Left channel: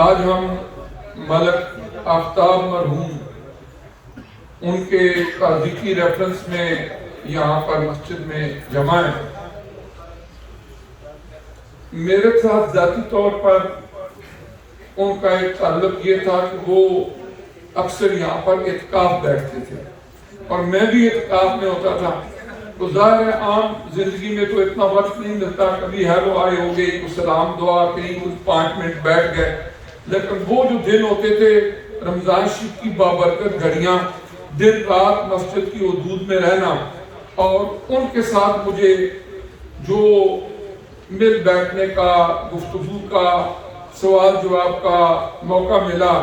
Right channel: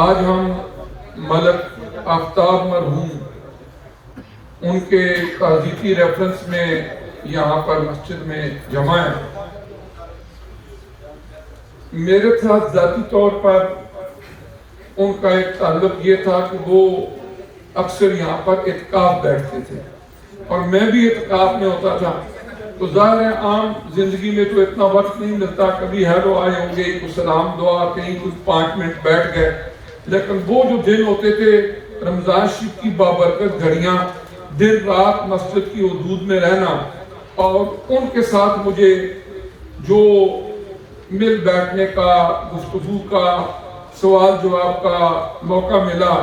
آج ہم ملک آفتاب مرحوم ان کے ذکری ریفرنس میں یہاں پر مسجد میں جمع ہیں۔ میرے ساتھ ذاتی طور پر ان کا ایک تعلق یہ تھا کہ وہ اکثر یہاں پر اعتکاف بیٹھتے تھے اور میں بھی اعتکاف میں ہوتا تھا، تو ظاہر ہے عام زندگی میں تو اتنا وقت نہیں ملتا، کبھی ہیلو آئے ہو گئے، کچھ سلام دعا کہیں، کچھ 5 منٹ بیٹھ گئے، لیکن وہ جو دن ہوتے تھے رمضان شریف کی بابرکت گھڑیاں، دن رات مسجد کی حدود میں رہنا، اور ان کے ساتھ مجھے جو مل بیٹھنے کا، گفتگو کا، سوال جواب کا موقع ملا،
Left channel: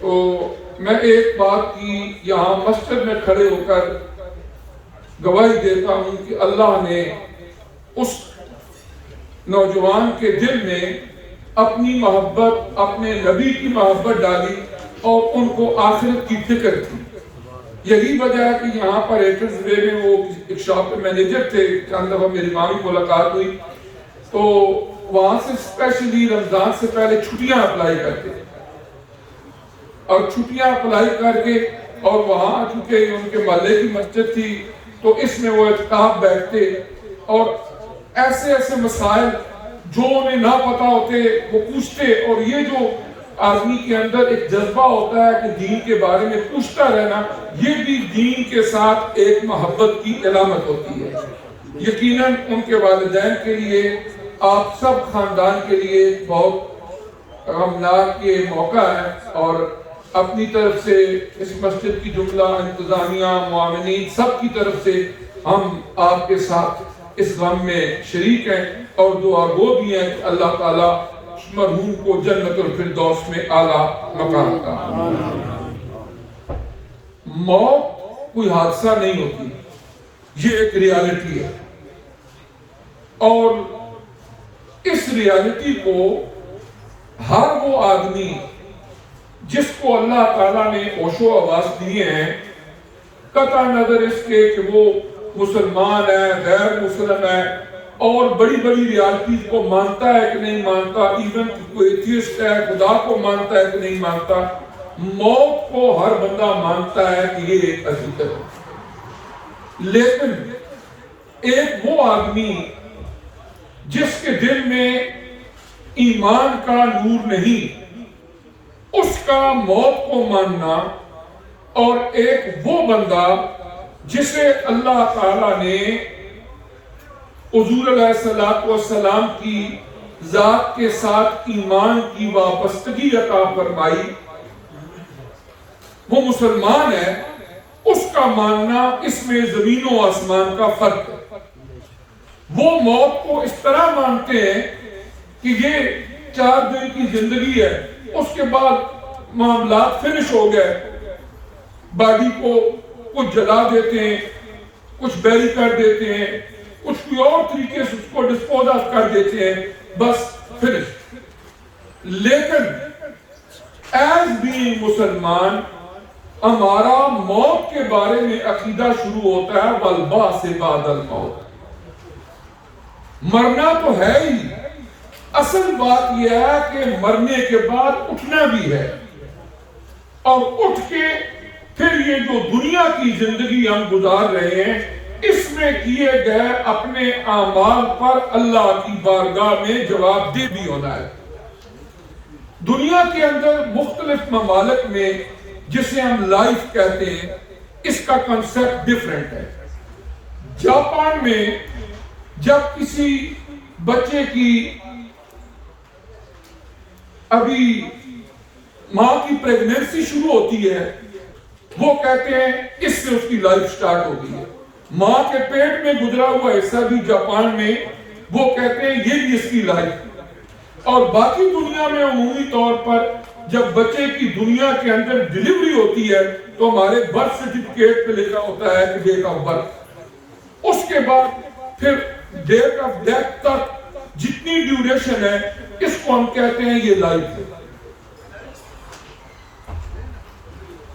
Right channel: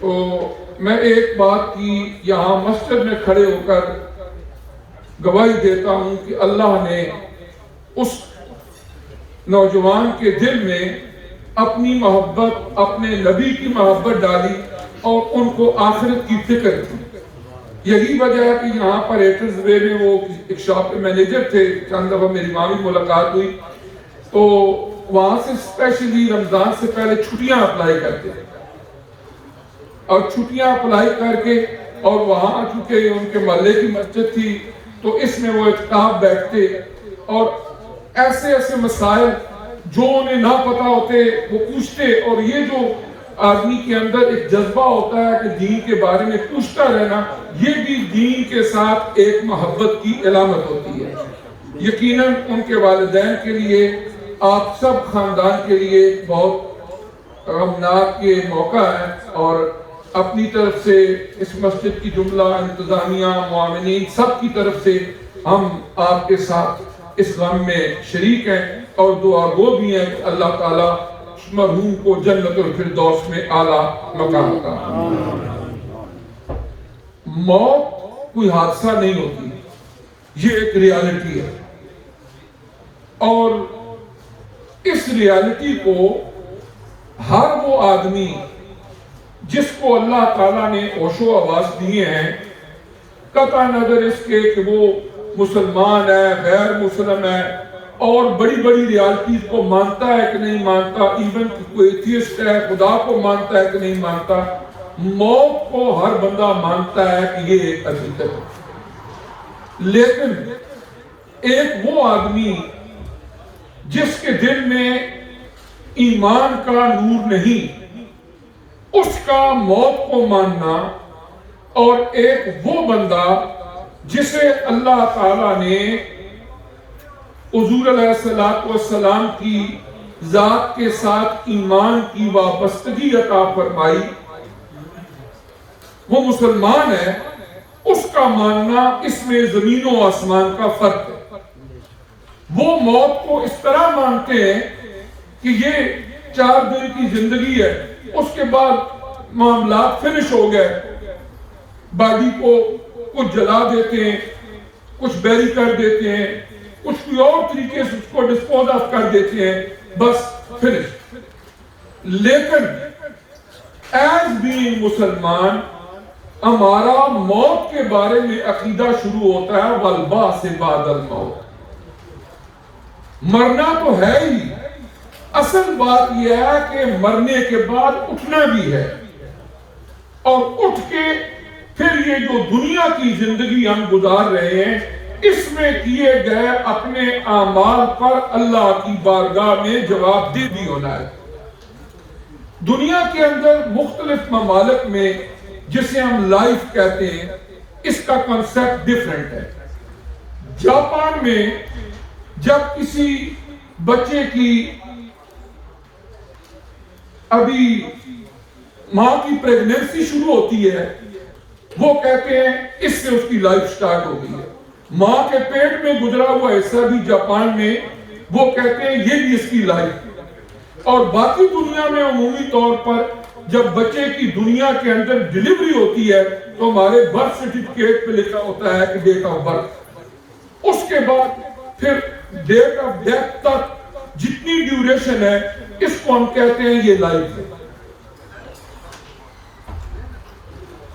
تو میں ایک بات کی یہاں مسجد میں کھڑے ہو کر گواہی دیتا ہوں کہ اللہ نے اس نوجوان کے دل میں اپنی محبت، اپنے نبی کی محبت ڈالی اور ان کو آخرت کی فکر تھی۔ یہی وجہ ہے کہ یہاں پر ایٹرز وے میں وہ ایک شاپ کے مینیجر تھے، چند دفعہ میری ماں بھی ملاقات ہوئی، تو وہاں سے اسپیشلی رمضان سے پہلے چھٹیاں اپلائی کرتے تھے، اور چھٹیاں اپلائی کر کے، اور وہاں چونکہ ان کے محلے کی مسجد تھی تو اس میں وہ اعتکاف بیٹھتے، اور ایسے ایسے مسائل جو انہیں نہ پتا ہوتے وہ پوچھتے، اور یہ جو آدمی کے اندر ایک جذبہ ہوتا ہے کہ دین کے بارے میں پوچھتا رہنا، یہ بھی دین کے ساتھ ایک محبت کی علامت ہوتی ہے۔ یقیناً ان کے والدین کے لیے، آپ سب خاندان کے لیے بہت غمناک یہ موقع ہے، اور اپنی طرف سے اس مسجد کی جملہ انتظامیہ، معاونین، سب کی طرف سے ہم آپ کے ساتھ اس غم میں شریک ہیں، اور دعا گو بھی ہیں کہ اللہ تعالیٰ مرحوم کو جنت الفردوس میں اعلیٰ مقام عطا فرمائے۔ موت کوئی حادثہ نہیں ہوتی، یہ ایک ریالٹی ہے، اور اس ریالٹی کو ہر وہ آدمی جس کو اللہ تعالیٰ نے ہوش و حواس دیے ہیں، قطع نظر اس کے کہ وہ مسلمان ہے، غیر مسلم ہے، اور بڑی بڑی ریالٹیز کو مانتا ہے کہ نہیں مانتا، ایون کوئی ایتھیسٹ ہے، خدا کو مانتا ہے کہ نہیں مانتا، موت کو ہر بندہ مانتا ہے کہ یہ ایک حقیقت ہے۔ لیکن ایک وہ آدمی جس کے دل میں ایمان کا نور نہیں، اس کا موت کو ماننا، اور ایک وہ بندہ جسے اللہ تعالیٰ نے حضور علیہ السلام کی ذات کے ساتھ ایمان کی وابستگی عطا فرمائی، وہ مسلمان ہے، اس کا ماننا اس میں زمین و آسمان کا فرق ہے۔ وہ موت کو اس طرح مانتے ہیں کہ یہ 4 دن کی زندگی ہے، اس کے بعد معاملات فنش ہو گئے، باڈی کو کچھ جلا دیتے ہیں، کچھ بیری کر دیتے ہیں، کچھ کوئی اور طریقے سے اس کو ڈسپوز آف کر دیتے ہیں، بس فنش۔ لیکن ایز بینگ مسلمان ہمارا موت کے بارے میں عقیدہ شروع ہوتا ہے والبعث بعد الموت، مرنا تو ہے ہی، اصل بات یہ ہے کہ مرنے کے بعد اٹھنا بھی ہے، اور اٹھ کے پھر یہ جو دنیا کی زندگی ہم گزار رہے ہیں، اس میں کیے گئے اپنے اعمال پر اللہ کی بارگاہ میں جواب دہ بھی ہونا ہے۔ دنیا کے اندر مختلف ممالک میں جسے ہم لائف کہتے ہیں، اس کا کنسپٹ ڈیفرنٹ ہے۔ جاپان میں جب کسی بچے کی ابھی ماں کی پریگننسی شروع ہوتی ہے، وہ کہتے ہیں اس سے اس کی لائف سٹارٹ ہو گئی ہے۔ ماں کے پیٹ میں گزرا ہوا حصہ بھی جاپان میں وہ کہتے ہیں یہ بھی اس کی لائف۔ اور باقی دنیا میں عمومی طور پر جب بچے کی دنیا کے اندر ڈیلیوری ہوتی ہے تو ہمارے برتھ سرٹیفکیٹ پہ لکھا ہوتا ہے کہ ڈیٹ آف برتھ، اس کے بعد پھر ڈیٹ آف ڈیتھ تک جتنی ڈیوریشن ہے اس کو ہم کہتے ہیں یہ لائف ہے۔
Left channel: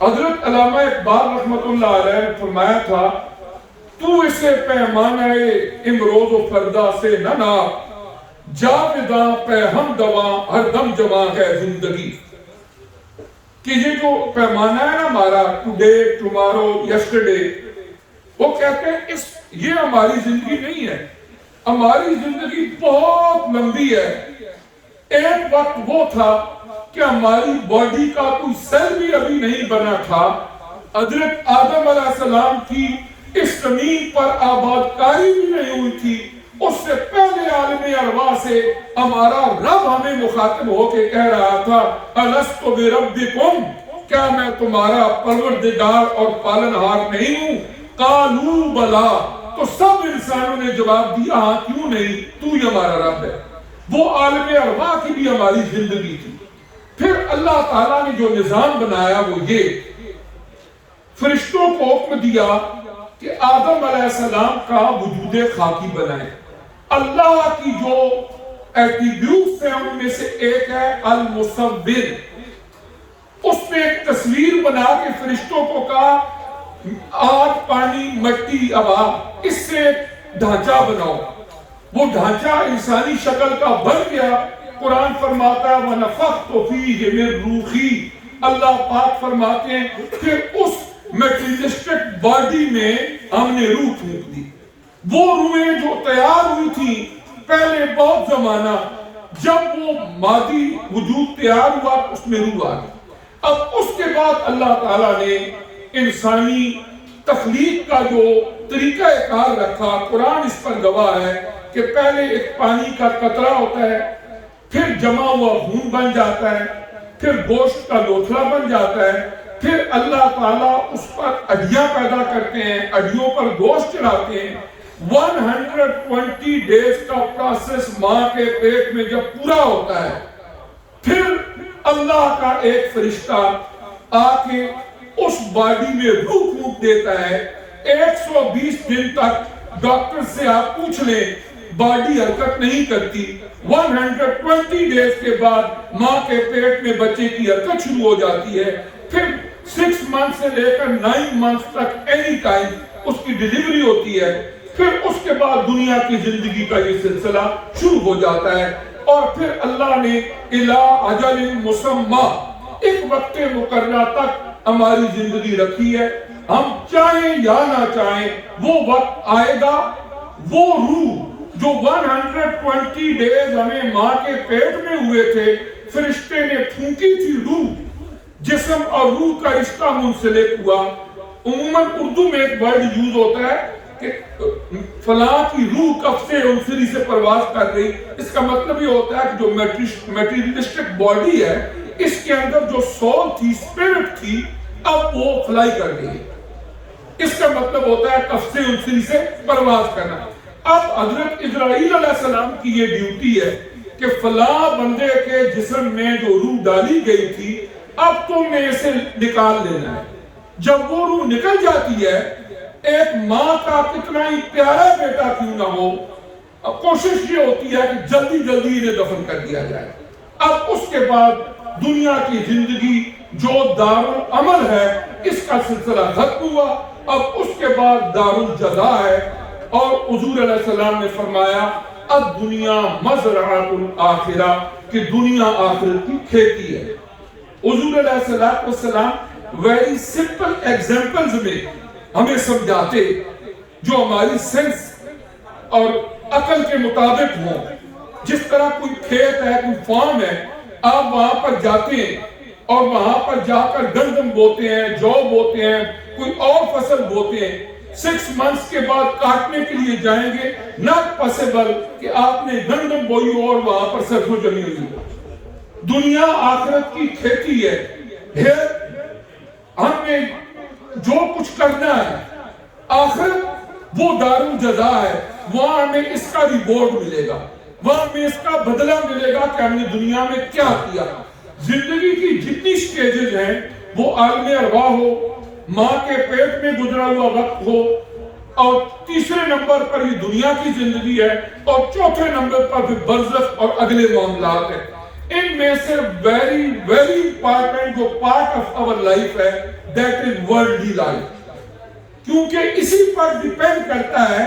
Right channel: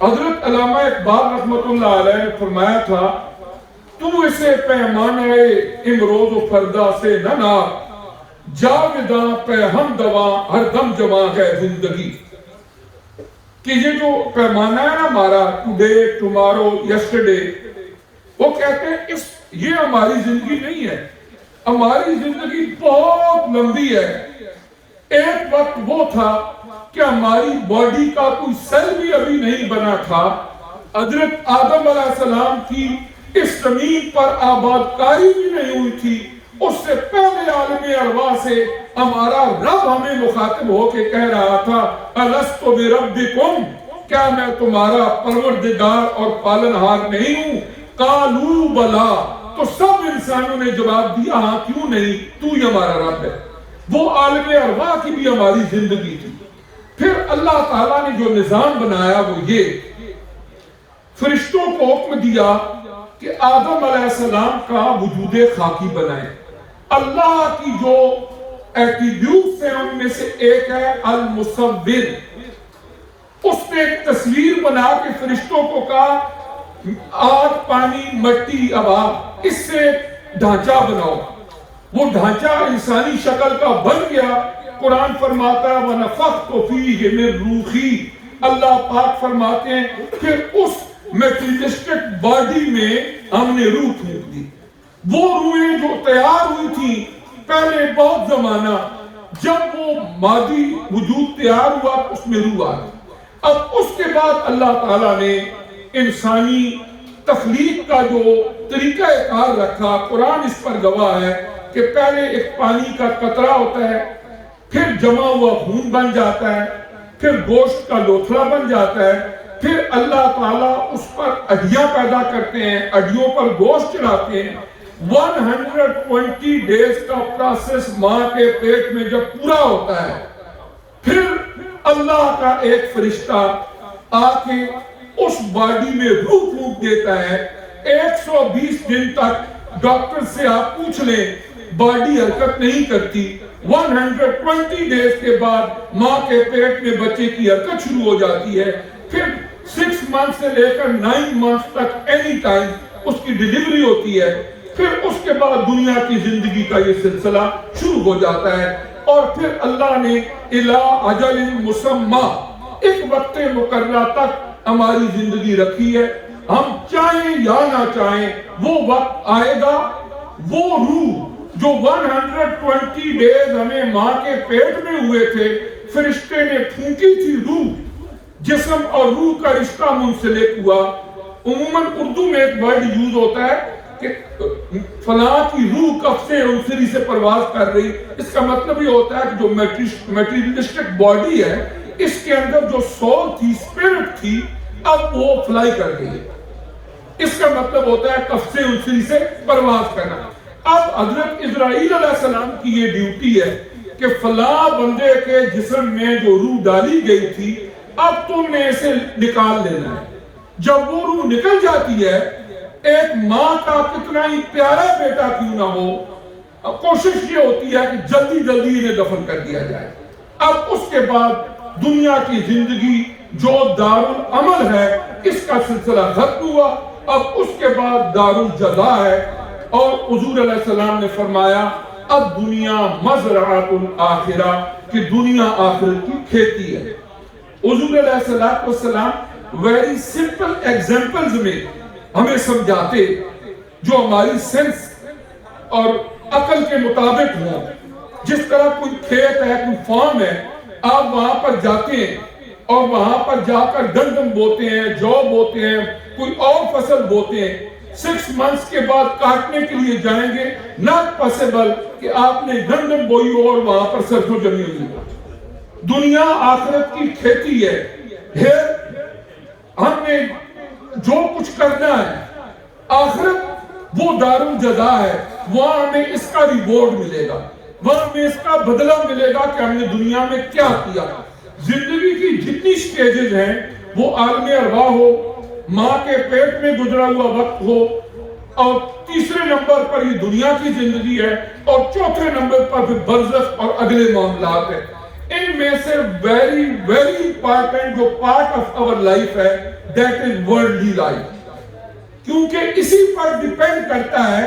حضرت علامہ اقبال رحمت اللہ علیہ نے فرمایا تھا، تو اسے پیمانہ امروز و فردا سے نہ ناپ، جاوداں پہ ہم دواں ہر دم جمع ہے زندگی. کہ یہ جو پیمانہ ہے نا ہمارا ٹوڈے ٹمارو یسٹرڈے، وہ کہتے ہیں یہ ہماری زندگی نہیں ہے. ہماری زندگی بہت لمبی ہے. ایک وقت وہ تھا کہ ہماری باڈی کا کوئی سیل بھی ابھی نہیں بنا تھا. حضرت آدم علیہ السلام کی اس زمین پر آباد کاری بھی نہیں ہوئی تھی. اس سے پہلے عالم ارواح سے ہمارا رب ہمیں مخاطب ہو کے کہہ رہا تھا الست بربکم، کیا میں تمہارا پروردگار اور پالنہار نہیں ہوں؟ قالوا بلا، تو سب انسانوں نے جواب دیا ہاں کیوں نہیں، تو ہی ہمارا رب ہے. وہ عالم ارواح کی بھی ہماری زندگی تھی. پھر اللہ تعالیٰ نے جو نظام بنایا وہ یہ، فرشتوں کو حکم دیا کہ آدم علیہ السلام کا وجود خاکی بنائیں. اللہ کی جو ایٹریبیوٹس ہیں ان میں سے ایک ہے المصور. اس نے ایک تصویر بنا کے فرشتوں کو کہا آگ، پانی، مٹی، ہوا، اس سے ڈھانچہ بناؤ. وہ ڈھانچہ انسانی شکل کا بن گیا. قرآن فرماتا ہے وَنَفَخْتُ فِيهِ مِن رُوحِي، اللہ پاک فرماتے ہیں پھر اس میٹریلسٹک باڈی میں ہم نے روح پھونک دی. وہ روحیں جو تیار ہوئی تھی پہلے بہت زمانہ، جب وہ مادی وجود تیار ہوا اس میں روح آ گئی. اب اس کے بعد اللہ تعالیٰ نے انسانی تخلیق کا جو طریقہ کار رکھا، قرآن اس پر گواہ ہے کہ پہلے ایک پانی کا قطرہ ہوتا ہے، پھر جمع ہوا خون بن جاتا ہے، پھر گوشت کا لوتھڑا بن جاتا ہے، پھر اللہ تعالیٰ اس پر ہڈیاں پیدا کرتے ہیں، ہڈیوں پر گوشت چڑھاتے ہیں. 120 ڈیز کا پروسیس ماں کے پیٹ میں جب پورا ہوتا ہے، پھر اللہ کا ایک فرشتہ آ کے اس باڈی میں روح پھونک دیتا ہے. 120 دن تک ڈاکٹر سے آپ پوچھ لیں باڈی حرکت نہیں کرتی. 120 ڈیز کے بعد ماں کے پیٹ میں بچے کی حرکت شروع ہو جاتی ہے. پھر 6 منتھ سے لے کر 9 منتھ تک اینی ٹائم اس کی ڈیلیوری ہوتی ہے. پھر اس کے بعد دنیا کی زندگی کا یہ سلسلہ شروع ہو جاتا ہے. اور پھر اللہ نے الی اجل مسمی، ایک وقت مقررہ تک ہماری زندگی رکھی ہے. ہم چاہیں یا نہ چاہیں وہ وقت آئے گا. وہ روح جو 120 ڈیز ہمیں ماں کے پیٹ میں ہوئے تھے، فرشتے نے پھونکی تھی روح، جسم اور روح کا رشتہ منسلک ہوا. عموماً اردو میں ایک ورڈ یوز ہوتا ہے کہ فلاں کی روح کفِ انصری سے پرواز کر رہی. اس کا مطلب یہ ہوتا ہے کہ جو میٹریلسٹک باڈی ہے اس کے اندر جو سول تھی، اسپرٹ تھی، اب وہ فلائی کر گئی ہے. اس کا مطلب ہوتا ہے کفِ انصری سے پرواز کرنا. اب حضرت اسرائیل علیہ السلام کی یہ ڈیوٹی ہے کہ فلاں بندے کے جسم میں جو روح ڈالی گئی تھی اب تم نے اسے نکال لینا ہے. جب وہ روح نکل جاتی ہے، ایک ماں کا کتنا ہی پیارا بیٹا کیوں نہ ہو، کوشش یہ ہوتی ہے کہ جلدی جلدی انہیں دفن کر دیا جائے. اب اس کے بعد دنیا کی زندگی جو دارالعمل ہے اس کا سلسلہ ختم ہوا. اب اس کے بعد دارالجزا ہے. اور حضور علیہ السلام نے فرمایا اب دنیا مزرعۃ الآخرہ، کہ دنیا آخرت کی کھیتی ہے. حضور علیہ السلام ویری سمپل ایگزامپلز میں ہمیں سمجھاتے جو ہماری سینس اور عقل کے مطابق ہوں. جس طرح کوئی کھیت ہے، کوئی فارم ہے، آپ وہاں پر جاتے ہیں اور وہاں پر جا کر گندم بوتے ہیں، جو بوتے ہیں، کوئی اور فصل بوتے ہیں. 6 منتھس کے بعد کاٹنے کے لیے جائیں گے، ناٹ پاسبل کہ آپ نے گندم بوئی ہو اور وہاں پر سرسوں جمی ہوئی. دنیا آخرت کی کھیتی ہے. ہم نے جو کچھ کرنا ہے، آخرت وہ دارالجزا ہے. وہاں ہمیں اس کا ریوارڈ ملے گا، وہاں ہمیں اس کا بدلہ ملے گا کہ ہم نے دنیا میں کیا کیا. زندگی کی جتنی سٹیجز ہیں، وہ عالم ارواح ہو، ماں کے پیٹ میں گزرا ہوا وقت ہو، اور تیسرے نمبر پر یہ دنیا کی زندگی ہے، اور چوتھے نمبر پر پھر برزخ اور اگلے معاملات ہیں. ان میں سے ویری ویری امپارٹنٹ جو پارٹ آف آور لائف ہے دیٹ از ورلڈلی لائف. کیونکہ اسی پر ڈیپینڈ کرتا ہے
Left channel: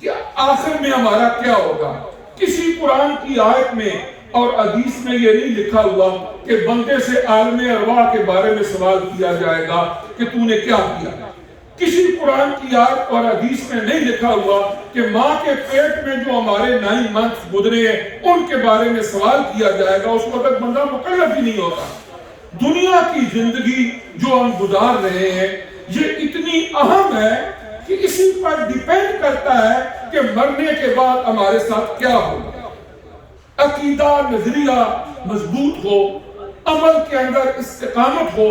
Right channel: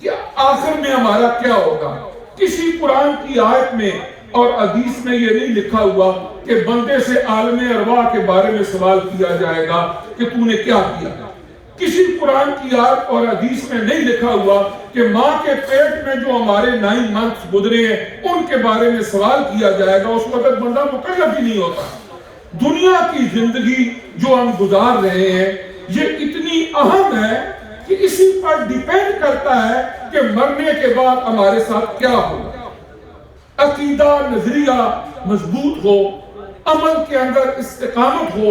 کہ آخر میں ہمارا کیا ہوگا. کسی قرآن کی آیت میں اور حدیث میں یہ نہیں لکھا ہوا کہ بندے سے عالم ارواح کے بارے میں سوال کیا جائے گا کہ تو نے کیا کیا. کسی قرآن کی آیت اور حدیث میں نہیں لکھا ہوا کہ ماں کے پیٹ میں جو ہمارے 9 months گزرے ہیں ان کے بارے میں سوال کیا جائے گا. اس وقت بندہ مکلف ہی نہیں ہوتا. دنیا کی زندگی جو ہم گزار رہے ہیں یہ اتنی اہم ہے کہ اسی پر ڈیپینڈ کرتا ہے کہ مرنے کے بعد ہمارے ساتھ کیا ہوگا. عقیدہ نظریہ مضبوط ہو، عمل کے اندر استقامت ہو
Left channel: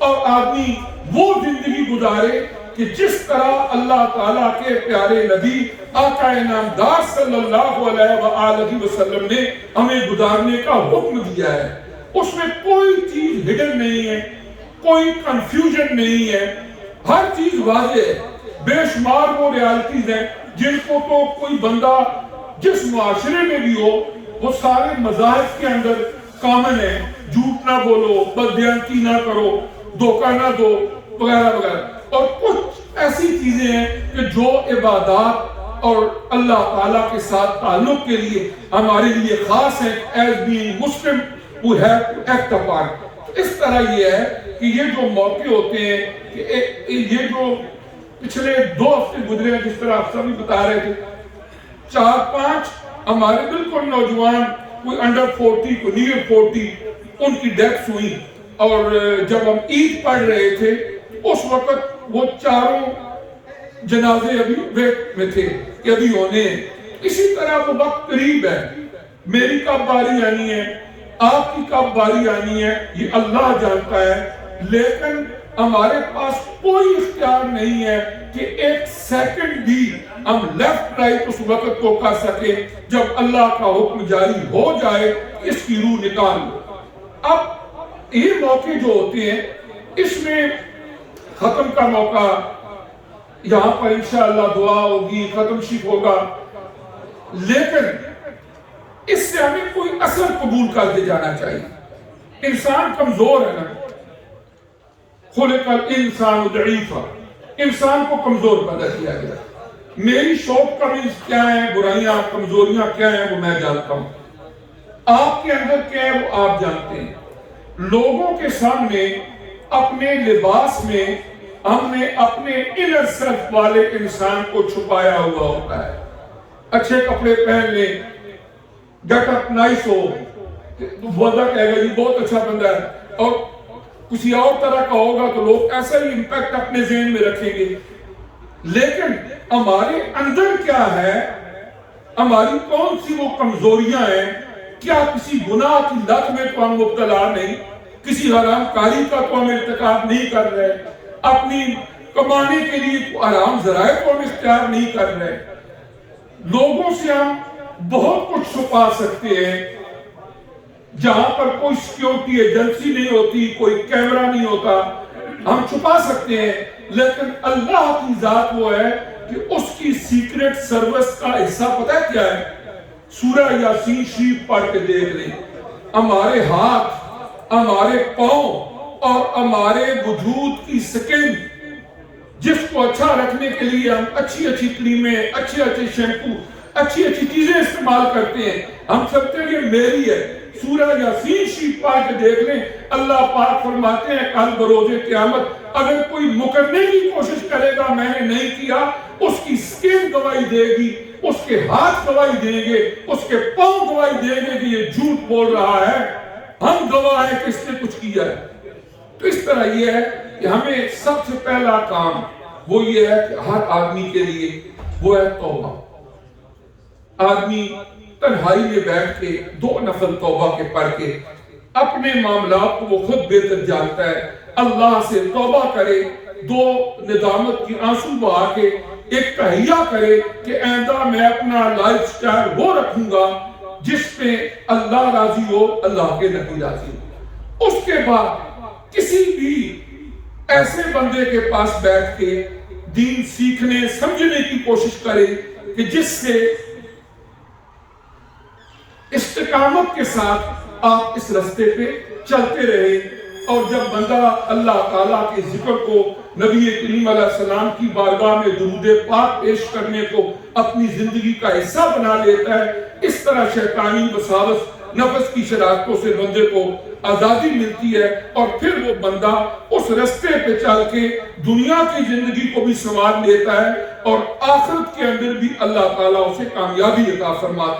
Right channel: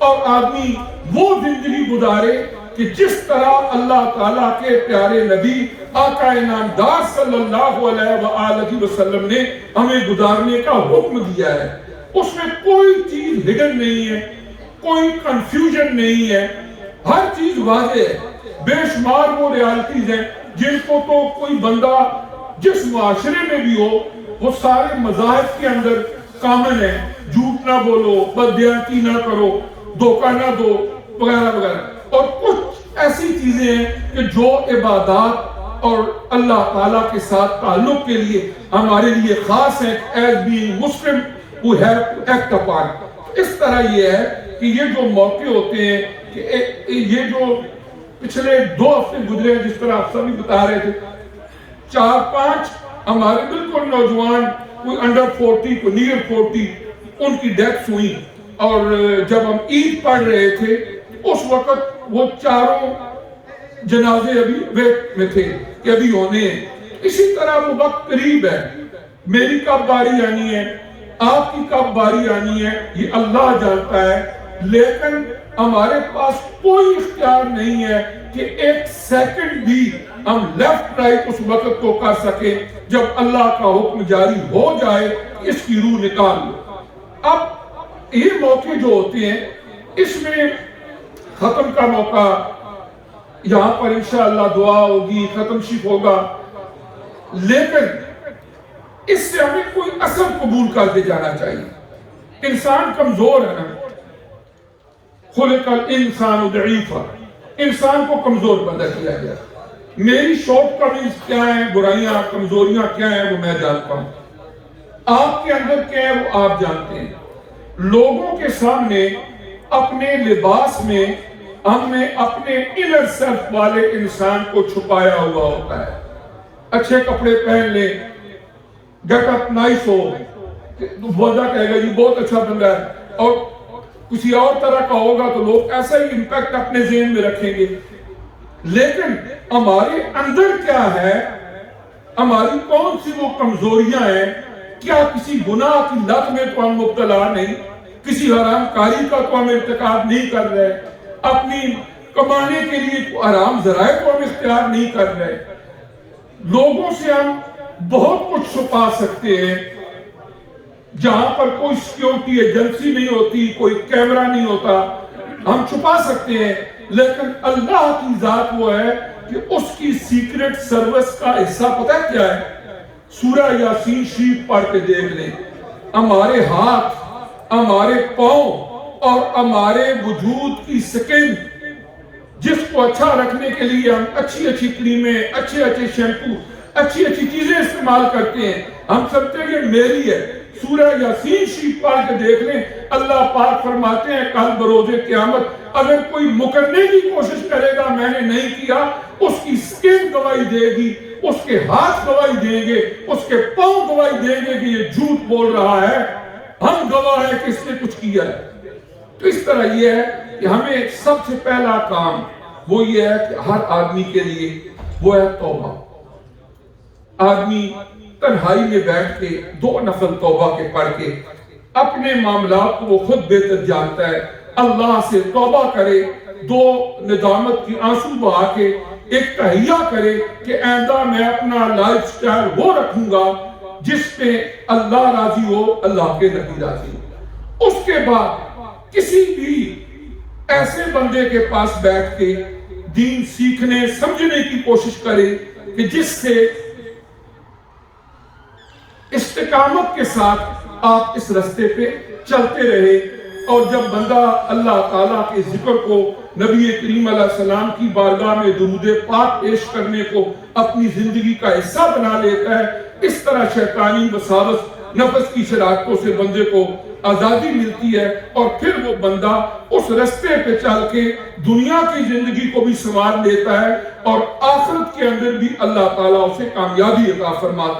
اور آدمی وہ زندگی گزارے کہ جس طرح اللہ تعالیٰ کے پیارے نبی آقا انعامدار صلی اللہ علیہ وآلہ وسلم نے ہمیں گزارنے کا حکم دیا ہے. اس میں کوئی چیز ہڈن نہیں ہے، کوئی کنفیوژن نہیں ہے، ہر چیز واضح ہے. بے شمار وہ ریالٹیز ہیں جن کو تو کوئی بندہ جس معاشرے میں بھی ہو وہ سارے مذاہب کے اندر کامن ہے. جھوٹ نہ بولو، بددیانتی نہ کرو، دھوکہ نہ دو، وغیرہ وغیرہ. اور کچھ ایسی چیزیں ہیں کہ جو عبادات اور اللہ تعالیٰ کے ساتھ تعلق کے لیے ہمارے لیے خاص ہیں. As being Muslim we have to act upon. اس طرح یہ ہے کہ یہ جو موقع ہوتے ہیں کہ یہ جو پچھلے 2 ہفتے گزرے ہیں، جس طرح آپ سبھی بتا رہے تھے، 4-5 ہمارے بالکل نوجوان، کوئی انڈر 40 کوئی نیئر 40، ان کی ڈیتھس ہوئی. اور جب ہم عید پڑھ رہے تھے اس وقت وہ 4 جنازے ابھی ویٹ میں تھے کہ ابھی ہونے ہیں. اسی طرح وہ وقت قریب ہے. میری کب باری آنی ہے، آپ کی کب باری آنی ہے، یہ اللہ جانتا ہے. لیکن ہمارے پاس کوئی اختیار نہیں ہے کہ 1 سیکنڈ بھی ہم لیفٹ رائٹ اس وقت کو کر سکیں. جب اللہ کا حکم جاری ہو جائے اس کی روح نکال لو. اب یہ موقع جو ہوتے ہیں اس میں ختم کا موقع، یہاں پر انشاءاللہ دعا ہوگی، ختم شریف ہوگا، لیکن اس سے ہمیں کوئی اثر قبول کر کے جانا چاہیے. انسان کمزور ہے نا، خلق الانسان ضعیفا، انسان کو کمزور پیدا کیا گیا. میری شارٹ کمنگز کیا ہیں، برائیاں کمزوریاں کیا ہیں وہ میں جانتا ہوں. آپ کے اندر کیا ہے وہ آپ جانتے ہیں. لوگوں کے سامنے اپنے لباس میں ہم نے اپنے انر سیلف والے انسان کو چھپایا ہوا ہوتا ہے. اچھے کپڑے پہن لیں، گیٹ اپ نائس ہو، بندہ کہے گا جی بہت اچھا بندہ ہے، اور کسی اور طرح کا ہوگا تو لوگ ایسا ہی امپیکٹ اپنے ذہن میں رکھیں گے. لیکن ہمارے اندر کیا ہے، ہماری کون سی وہ کمزوریاں ہیں؟ کیا کسی گناہ کی لت میں تو ہم مبتلا نہیں، کسی حرام کاری کا تو ہم ارتکاب نہیں کر رہے، اپنی کمانے کے لیے حرام ذرائع تو ہم اختیار نہیں کر رہے. لوگوں سے ہم بہت کچھ چھپا سکتے ہیں. جہاں پر کوئی سیکیورٹی ایجنسی نہیں ہوتی، کوئی کیمرہ نہیں ہوتا، ہم چھپا سکتے ہیں. لیکن اللہ کی ذات وہ ہے کہ اس کی سیکریٹ سروس کا حصہ پتہ ہے کیا ہے؟ سورہ یاسین شریف پڑھ کے دیکھ لیں. ہمارے ہاتھ، ہمارے پاؤں اور ہمارے وجود کی سکن، جس کو اچھا رکھنے کے لیے ہم اچھی اچھی کریمیں، اچھے اچھے شیمپو، اچھی اچھی چیزیں استعمال کرتے ہیں. ہم سمجھتے ہیں یہ میری ہے. سورہ یاسین شریف پڑھ کے دیکھ لیں. اللہ پاک فرماتے ہیں کل بروز قیامت اگر کوئی مکرنے کی کوشش کرے گا میں نے نہیں کیا، اس کی سکن گواہی دے گی، اس کے ہاتھ گواہی دیں گے، اس کے پاؤں گواہی دیں گے کہ یہ جھوٹ بول رہا ہے. ہم گواہ ہیں کہ اس نے کچھ کیا ہے. تو اس طرح یہ ہے کہ ہمیں سب سے پہلا کام وہ یہ ہے کہ ہر آدمی کے لیے وہ ہے توبہ. آدمی تنہائی میں بیٹھ کے 2 نفل توبہ کے پڑھ کے اپنے معاملات کو وہ خود بہتر جانتا ہے، اللہ سے توبہ کرے، 2 ندامت کی آنسو بہا کے ایک تہیہ کرے کہ آئندہ میں اپنا لائف سٹائل وہ رکھوں گا جس پہ اللہ راضی ہو، اللہ کے نبی راضی ہو. اس کے بعد کسی بھی ایسے بندے کے پاس بیٹھ کے دین سیکھنے سمجھنے کی کوشش کرے کہ جس سے استقامت کے ساتھ آپ اس رستے پہ چلتے رہے. اور جب بندہ اللہ تعالیٰ کے ذکر کو، نبی کریم علیہ السلام کی بارگاہ میں درود پاک پیش کرنے کو اپنی زندگی کا حصہ بنا لیتا ہے اس طرح شیطانی وساوس نفس کی شرارتوں سے بندے کو آزادی ملتی ہے، اور پھر وہ بندہ اس رستے پہ چل کے دنیا کی زندگی کو بھی سنوار لیتا ہے، اور آخرت کے اندر بھی اللہ تعالیٰ اسے کامیابی عطا فرماتا ہے۔